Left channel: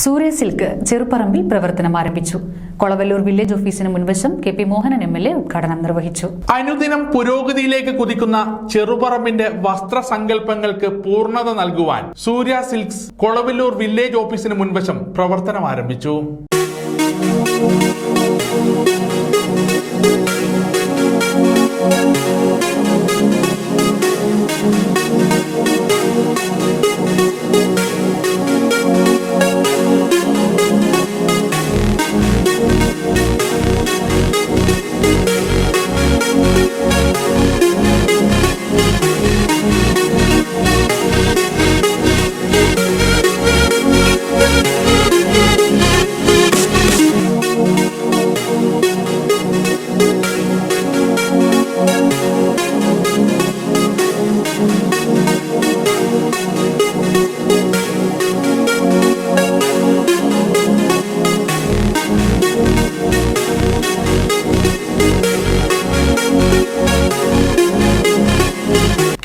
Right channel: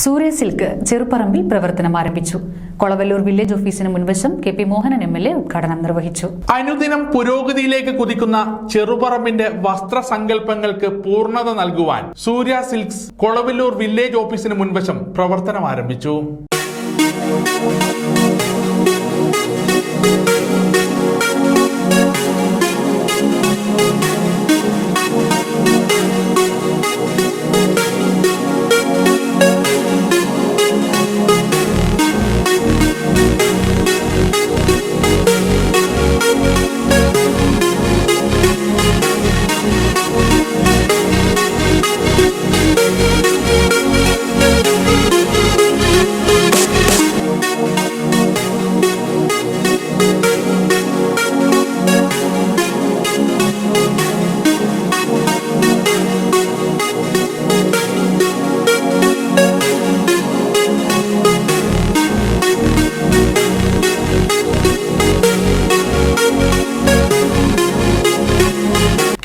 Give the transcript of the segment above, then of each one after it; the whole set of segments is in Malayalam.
സൂര്യ സിൽക്ക് ചെറുപറമ്പിൽ പ്രവർത്തനം ആരംഭിച്ചു. കൊളവല്ലൂർ വില്ലേജ് ഓഫീസിന് മുൻവശം കെ.പി. മോഹനൻ എം.എൽ.എ. ഉദ്ഘാടനം നിർവഹിച്ചു. അനുദിനം പുരോഗതിയിലേക്ക് കുതിക്കുന്ന ചെറുപറമ്പിന്റെ വസ്ത്രസങ്കല്പങ്ങൾക്ക് പൂർണ്ണത നൽകുവാൻ സൂര്യ സിൽക്സ് കൊളവല്ലൂർ വില്ലേജ് ഓഫീസിന് മുൻവശം പ്രവർത്തനം ആരംഭിച്ചു.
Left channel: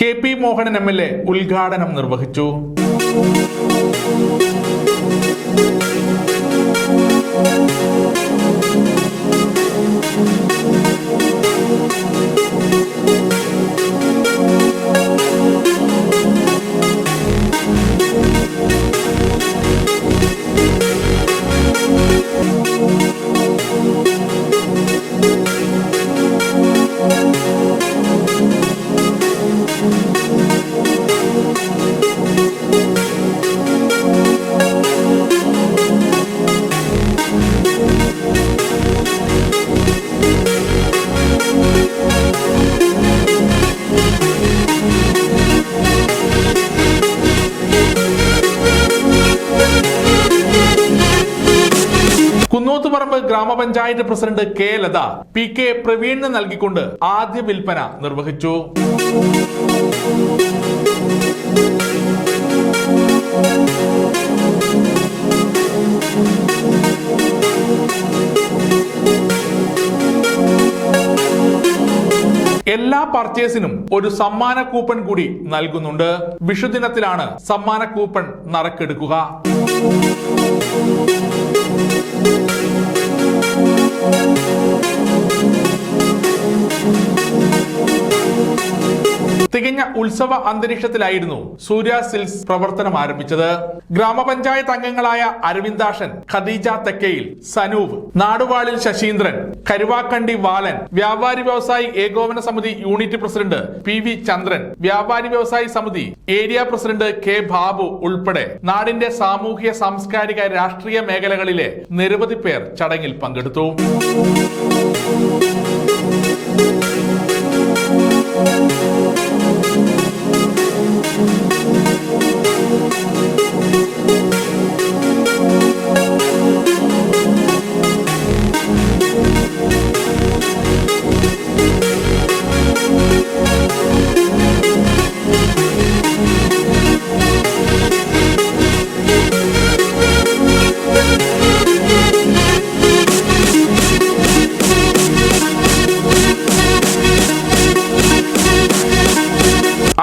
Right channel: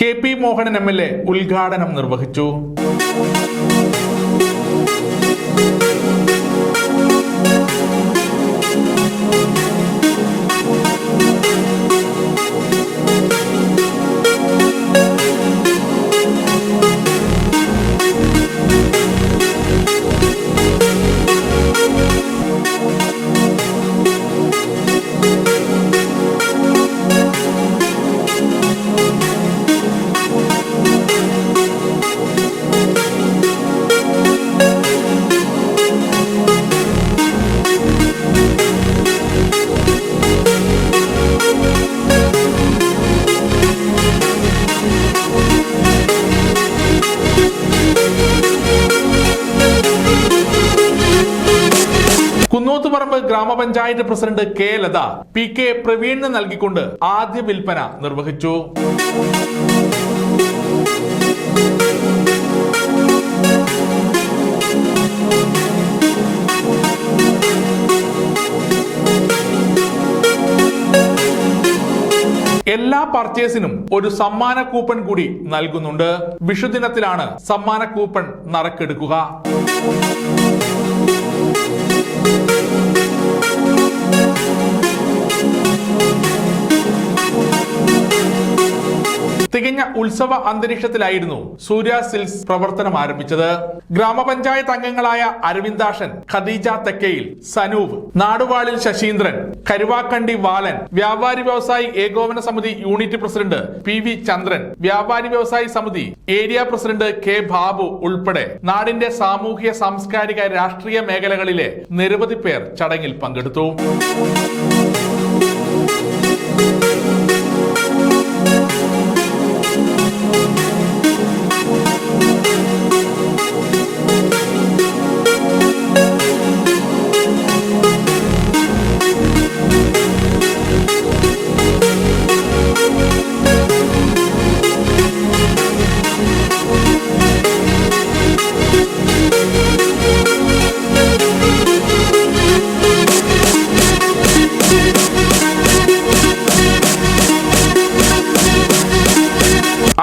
കെ.പി. മോഹനൻ എം.എൽ.എ. ഉദ്ഘാടനം നിർവഹിച്ചു. കുന്നോത്തുപറമ്പ് ഗ്രാമപഞ്ചായത്ത് പ്രസിഡന്റ് കെ. ലത പി.കെ. പ്രവീണിന് നൽകിക്കൊണ്ട് ആദ്യ വിൽപ്പന നിർവഹിച്ചു. എല്ലാ പർച്ചേസിനും ഒരു സമ്മാന കൂപ്പൺ കൂടി നൽകുന്നുണ്ട്. വിഷുദിനത്തിലാണ് സമ്മാന കൂപ്പൺ നറുക്കെടുക്കുക. തികഞ്ഞ ഉത്സവ അന്തരീക്ഷത്തിലായിരുന്നു സൂര്യ സിൽക്സ് പ്രവർത്തനം ആരംഭിച്ചത്. ഗ്രാമപഞ്ചായത്ത് അംഗങ്ങളായ അരവിന്ദാഷൻ, ഖദീജ തെക്കയിൽ, സനൂപ്, നാടുവാളിൽ ശശീന്ദ്രൻ, കരുവാക്കണ്ടി ബാലൻ, വ്യാപാരി വ്യവസായി ഏകോപന സമിതി യൂണിറ്റ് പ്രസിഡന്റ് പി.വി. ചന്ദ്രൻ, വ്യാപാരി വ്യവസായി സമിതി ഏരിയ പ്രസിഡന്റ് കെ. ബാബു ഉൾപ്പെടെ നാടിന്റെ സാമൂഹ്യ, സാംസ്കാരിക, രാഷ്ട്രീയ മേഖലകളിലെ നിരവധി പേർ ചടങ്ങിൽ പങ്കെടുത്തു.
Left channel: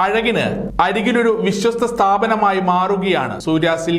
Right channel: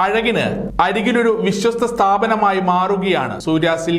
അഴകിന് അരികിലൊരു വിശ്വസ്ത സ്ഥാപനമായി മാറുകയാണ് സൂര്യ സിൽക്ക്.